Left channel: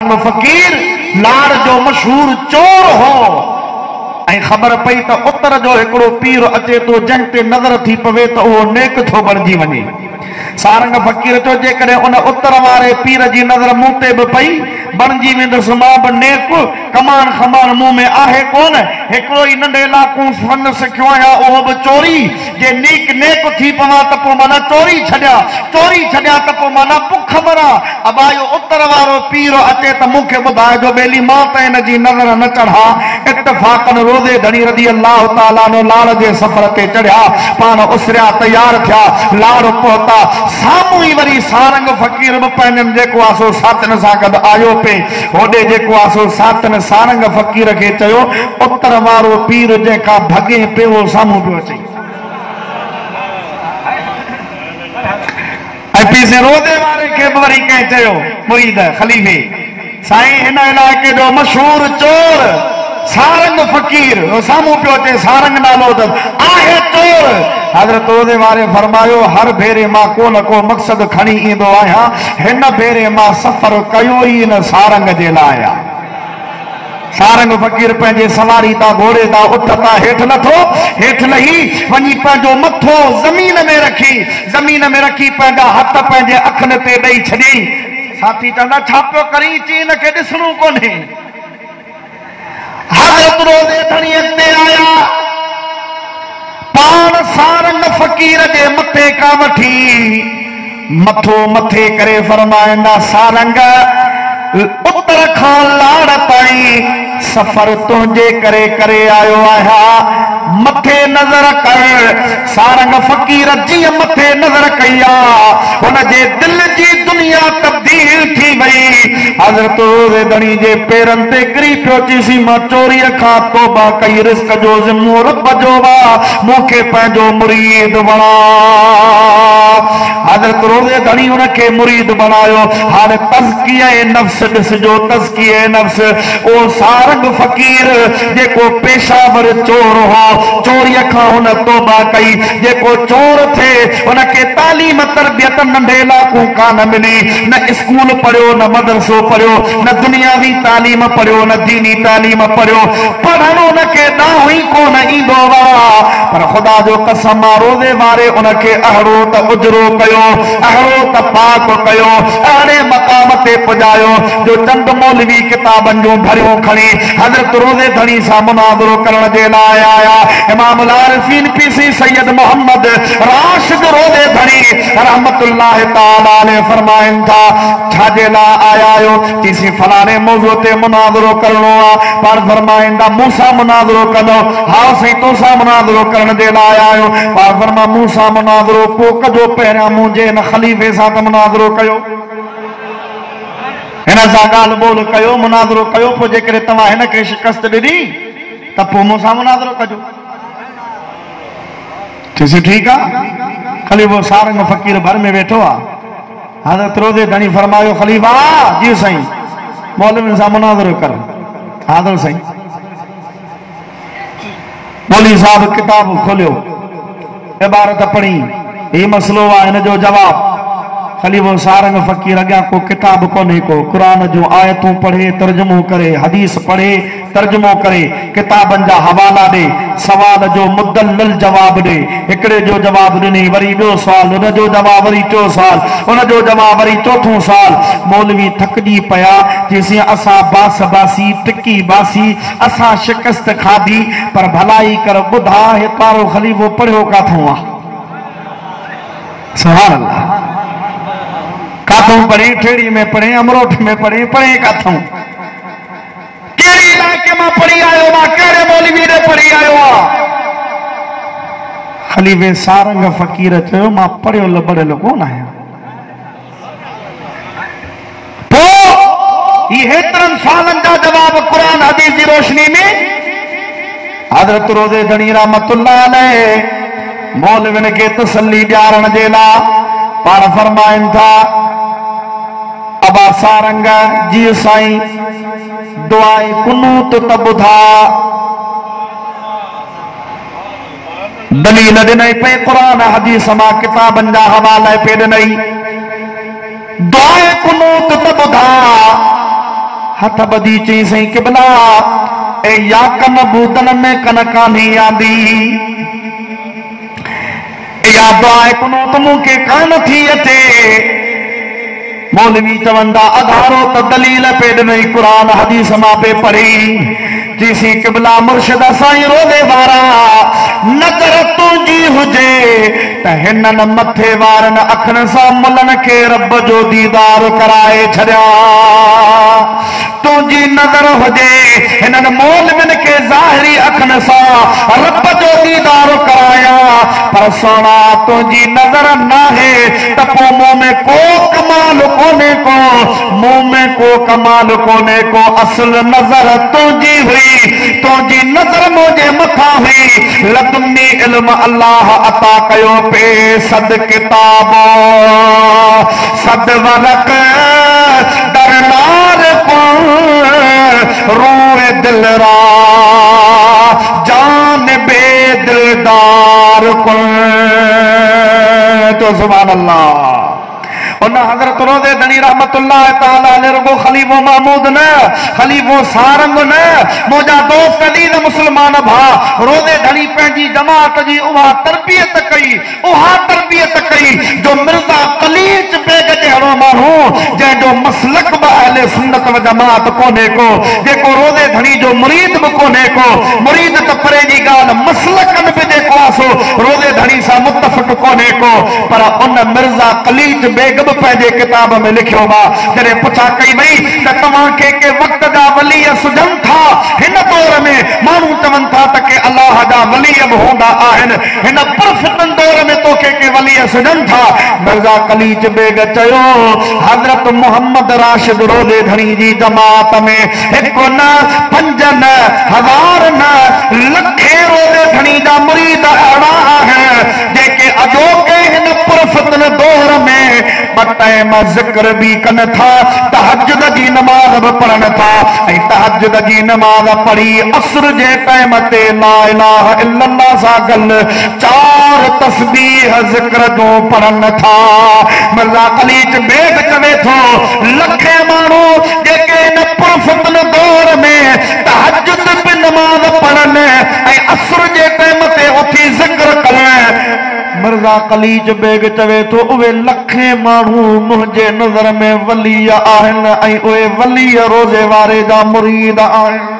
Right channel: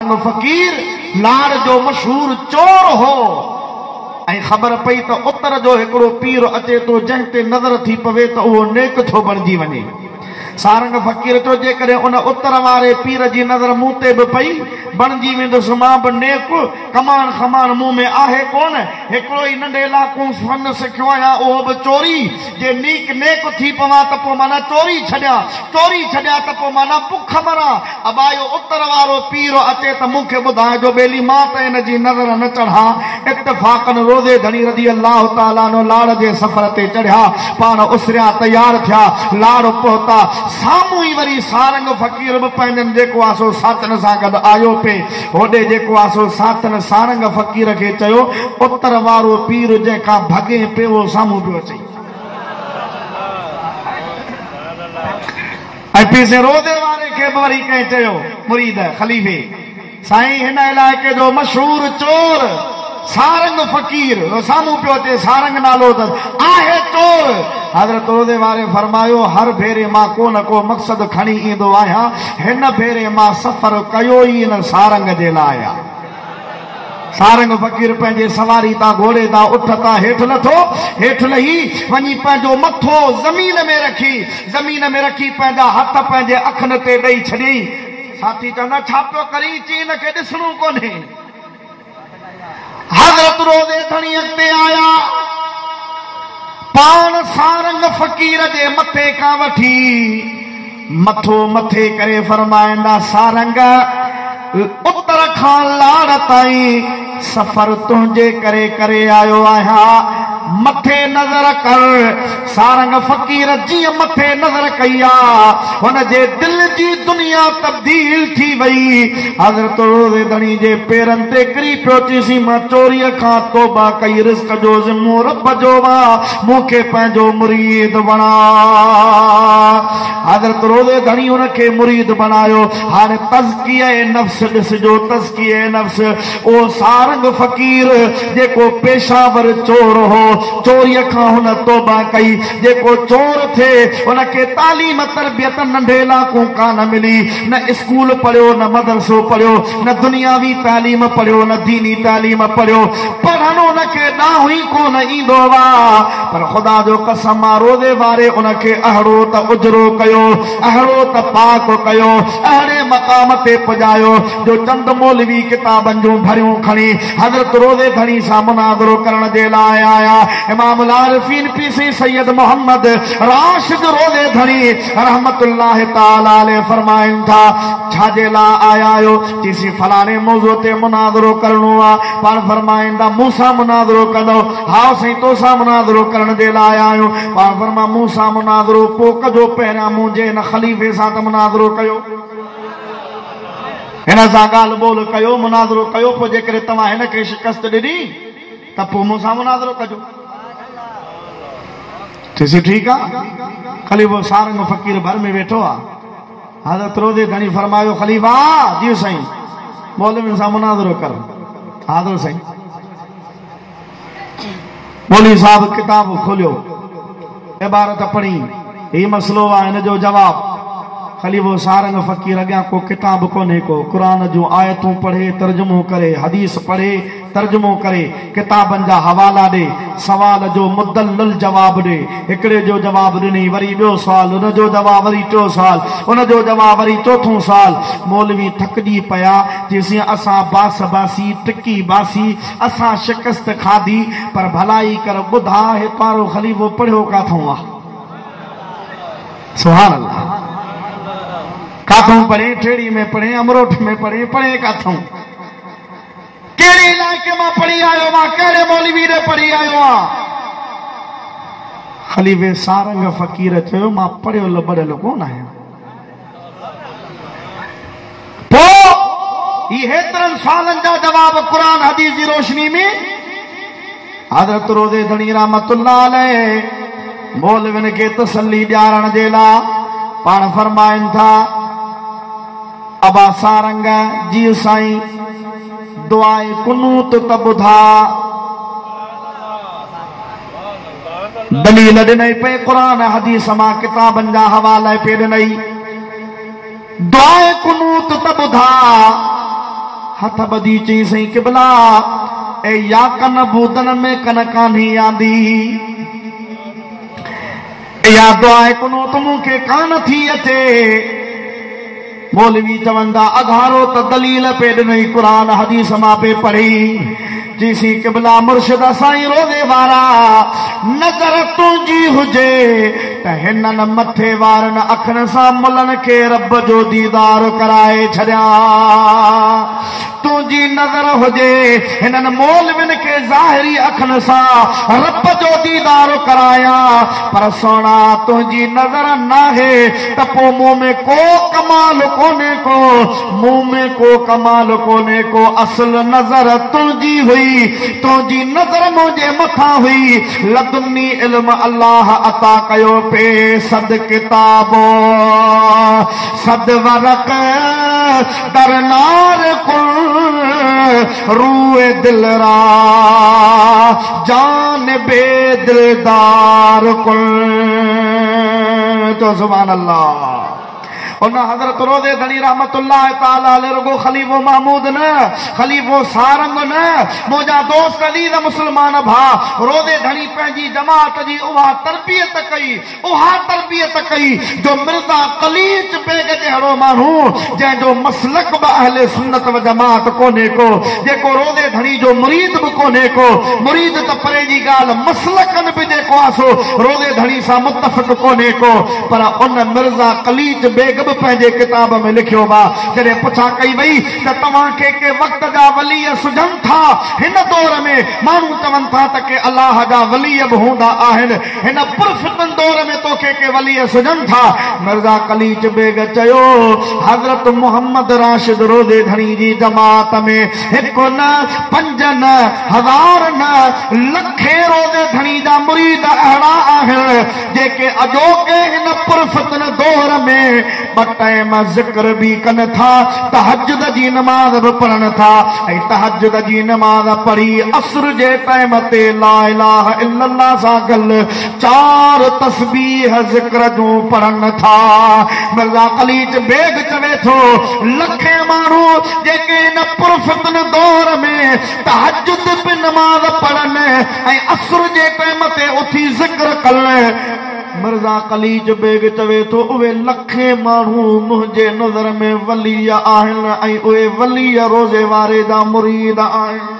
फकीर लाड़ जो मशहूर चोर हो ऐं ख़बर पई त उतर जो हिकिड़ो पीर अचे तो जंहिं ते नज़र थी पवे त उहो नेक थो बणिजी वञे। सारंग फकीर चयो जेकॾहिं उन उतर वारे पीर जी नज़र मूं ते बि पई बणिजी वेंदुसि मां बि नेक। कमान खमान मूं में आहे कोन, हिकिड़ो ई नंढे इलाइक़ो फन सिखियो आहियां उहो बि चोरी। जे नेक थी पवां त पोइ माना चोरी छॾियां त पोइ माना बुख मरां। अबा इहो उतर वारो पीर अचे त मूंखे ॿुधाइजो ॿेली मां त हिन जी नज़र न चढ़ा। इत्तफ़ाक़न रोज़े धणी रज़ी अल्लाह ताला नो लाड़ जे सफ़र ते चढ़िया, पाण उसरिया तयार थिया, लाड़ पहुता। साम्हूं ई वरी सारंग फ़कीर बि पंहिंजनि जेको आहे सो सातन सां गॾु आयो पे। होॾे जेको आहे सो सातन सारंग फ़कीर खे चयो उतर वारो पीर जेका भॻे पियो साम्हूं पियो अचे। ऐं पीसे रोज़े वारे खे बि वरी कंहिं चयो मुरीद ख़लीफ़े साईं हिन इलाइक़े जो मशहूर चोर सारंग फ़कीर साम्हूं पियो अचे। सारंग नालो अथसि, आहे चोर। हज़रत रोज़े वारे फरमायो हर भेरे मां को न को मक़सद खणी ईंदो आहियां, हिन भेरे मां सफ़र कयो ई न सारंग जे लाइ। सारंग फ़कीर पंहिंजे सवारी तां घोड़े तां उठ तां हेठि लथो, हेठि लही वञी पंहिंजो मथो ज़मीन में रखी पंहिंजा हथ पंहिंजे अखियुनि ते ॾेई छॾियईं। साथी चवंदा छा पियो करी? चई हिन खे ॾिसणो कोन्हे। हज़रत रोज़े धणी अॻिते आया, पाण सारंग फ़कीर जे मथे खां वठी मथो मथे करे फरमाईंदा सारंग उतर खां लाड़ ताईं सफ़र तुंहिंजे करे आयो आहियां, मथे नज़र कर। सारंग फ़कीर जीअं मथे नज़र कई आहे हुनजे दिलि जी दुनिया तब्दील थी वई। हज़रत रोज़े धणी जे पेरनि ते किरी पियो चईसी मां चोरीअ खां तौबा कई, रिस्क जो ज़िम्मो रब जो आहे, मूंखे पंहिंजो मुरीद बणा। हज़रत रोज़े धणी हुनखे मुरीद बणायो। हाणे तज़किये नफ़्स ॾिसजो, तज़किये नफ़्स। ओ सारंग फ़कीर जेको पेशावर चोर हो, चोरीअ खां हुन तौबा कई। जेको चोर थिए हुनखे तालीम तरबियत नंढे इलाइक़ो कान मिली, न स्कूल पढ़ियो न मदरसो पढ़ियो, न दुनियावी तालीम पढ़ियो न दीनी तालीम पढ़ियो, पढ़णु हुनखे ॾांहुं ई कोन ईंदो आहे। पर ख़ुदा जो कसम आहे रोज़े वारे हुनखे अहिड़ो त उजरो कयो, अहिड़ो त पाक कयो, अहिड़े मक़ाम ते पुॼायो जो चंद मौलवी किताबनि जूं भरियूं खणी हज़रत रोज़े धणी सां मुनाज़रो करण जे लाइ आया। इमामुल आरिफ़ीन पीसी सैयद मोहम्मद राशिद रोज़े धणी रहमतुल्लाह ताला अलैहि फरमाइनि था छाजे लाइ आया आहियो? चईसी फलाणे मौज़ू ते मुनाज़रो करणो आहे। पाण फरमाईंदा मूं सां मुनाज़रो कंदो? हा साईं तूं सां मुनाज़रो करण जे लाइ आयो। पाण फरमा मूं सां मुनाज़रो पोइ कजो, पहिरियां मुंहिंजे हिन ख़लीफ़े सां त मुनाज़रो कयो, हिन सां ॻाल्हि ॿोल कयो, मुनाज़रो कयो, पोइ जेकॾहिं तव्हां हिन खे शिकस्त ॾिनी त पोइ मूंसां मुनाज़रो कजो। चईसी ठीकु आहे। ख़लीफ़ो सारंग फ़कीर भर में वेठो आहे। हज़रत रोज़े धणी फरमायो ख़लीफ़ा जी साईं मौलवियुनि सां मुनाज़रो कर। हाज़िर साईं। मौलवी साहब किताब खोलियो, इबारत पढ़ी, ही मसलो आहे, हिन जो जवाब। ख़लीफ़ो सारंग फ़कीर अॻियां को किताब कोन्हे को, क़ुरान जूं आयतूं पढ़े तर्जुमो करे, हदीस पढ़े तर्जुमो करे, किताबनि जा हवाला ॾे, सवाल जो मुदल्लल जवाब ॾे। हिकिड़े जो जवाब ॾिनी, वरी ॿियो सुवाल, हुन जो जवाब वरी टियों सुवाल, हुन जो जवाब वरी चोथों सुवाल। मौलवी थकिजी पिया। जेसीं असां बास बासी टिकी बासी, असां शिकस्त खाधी, पर भलाई कर ॿुधा हे तारो ख़लीफ़ो पढ़ियो काथों आहे? सुभान अल्लाह। काथों पढ़े? ठेड़ी में पढ़े, अमरोठ में पढ़े, पढ़े काथों? कहिड़े इलाइक़े मां पढ़ी आयो आहे? कहिड़े मौलवी ने पढ़ी आयो आहे? ख़लीफ़े सारंग फ़कीर चयो मां पढ़ियल पढ़ियल कोन आहियां। पोइ ही हेतिरनि सालनि जा जवाब क़ुरान हदीस जी रोशनी में हज़रत रोज़े धणी रहमतुल्लाह अलैह मौलवियुनि खे तसल्ली ॾियारण जे लाइ पाण फरमाइनि था अबा सारंग जी साईं दुआए कुनूत त ॿुधा। दलील ॾिनई पे क़ुरान हदीस मां किताबनि जा हवाला पे ॾिनई। दुआए कुनूत त ॿुधा हथ बदी चई सही किबला ए या कन बूदन में कन कान्ही आंदी या दुआ कुनूत मूंखे कान थी अचे मौलवी चवंदा अधारो त दलील पे ॾिनई क़ुरान हदीस मां पे पढ़ी चईसी किबला मुर्शिद साईं रोज़े वारा नज़र तुंहिंजी हुजे त हिननि मथे वारनि अखियुनि सां मुलनि खे रब जो दीदार कराए छॾिया तुंहिंजी नज़र हुजे हिननि मौलवियुनि खे ज़ाहिरी अखियुनि सां रब जो दीदार कराया पर सोना तुंहिंजी नज़र नाहे त पोइ मूं में को कमाल कोने को मुंह में को कमाल कोने को असल नजर तुझी हुई तुझी नजर मुझे मथा हुई लदुन्नी इल्म अल्लाह अता कयो पे सद किताब सद वरक दरनार को रोए दिलरा जान बेदिलदार को तो सुभान अल्लाह उन हजरत रोज़े धनी रहमतुल्लाह ताला अलैहि रुगो खलीफो महमूद न खलीफो सारंग न मुझा दोस्त अजीज मुसलमान भा रोज़े धनी पंहिंजी जमात जी उहा तरबियत कई जो मिर्ज़ा कलीच बेग जहिड़ो माण्हू जंहिंजो मसलक बि अहले सुन्नत व जमात कोन्हे को जेको रोज़े धनी जो मुरीद बि कोन्हे को मुरीद त परे जी ॻाल्हि मसलकनि बि जेको आहे सो रोज़े धनी सां मुतफ़िक़ कोन्हे को पर उन मिर्ज़ा कलीच बेग पंहिंजे किताब में लिखियो बा जॾहिं पुछा कई वई त तव्हांखे के वक़्त जा वली सुझनि था हिन दौर में माण्हू चवनि था त के अल्लाह जा वली बि हूंदा आहिनि हिन पुरफ़ितन दौर में तोखे के वली सुझनि था मिर्ज़ा कलीच बेग चयो हज़रत मोहम्मद राशिद रोज़े धनी जी जमात में हिकु न पंज न हज़ार न लखे रोज़े धनी जा मुरीद अहिड़ा आहिनि जेके अॼोके हिन पुरफ़ितन दौर में टाइम जिक्र भी कन था तहज्जुद जी नमाज भी पढ़न था तहज्जुद जी नमाज पढ़ी असर जे टाइम ते ला इलाहा इल्लल्लाह सा गल 4 तस्बीह जिक्र जो पढ़न था मिर्ज़ा कलीच बेग चवे थो लखे माण्हू जेके इन पुरफ़ितन दौर में तहज्जुद भी नमाज पढ़न असर जे टाइम ते उथी जिक्र करण मिर्ज़ा कलीच बेग चवे तो उहे लखे माण्हू मुंहिंजे नज़र में वली आहिनि ऐं उहे वली रोज़े वारे जा मुरीद आहिनि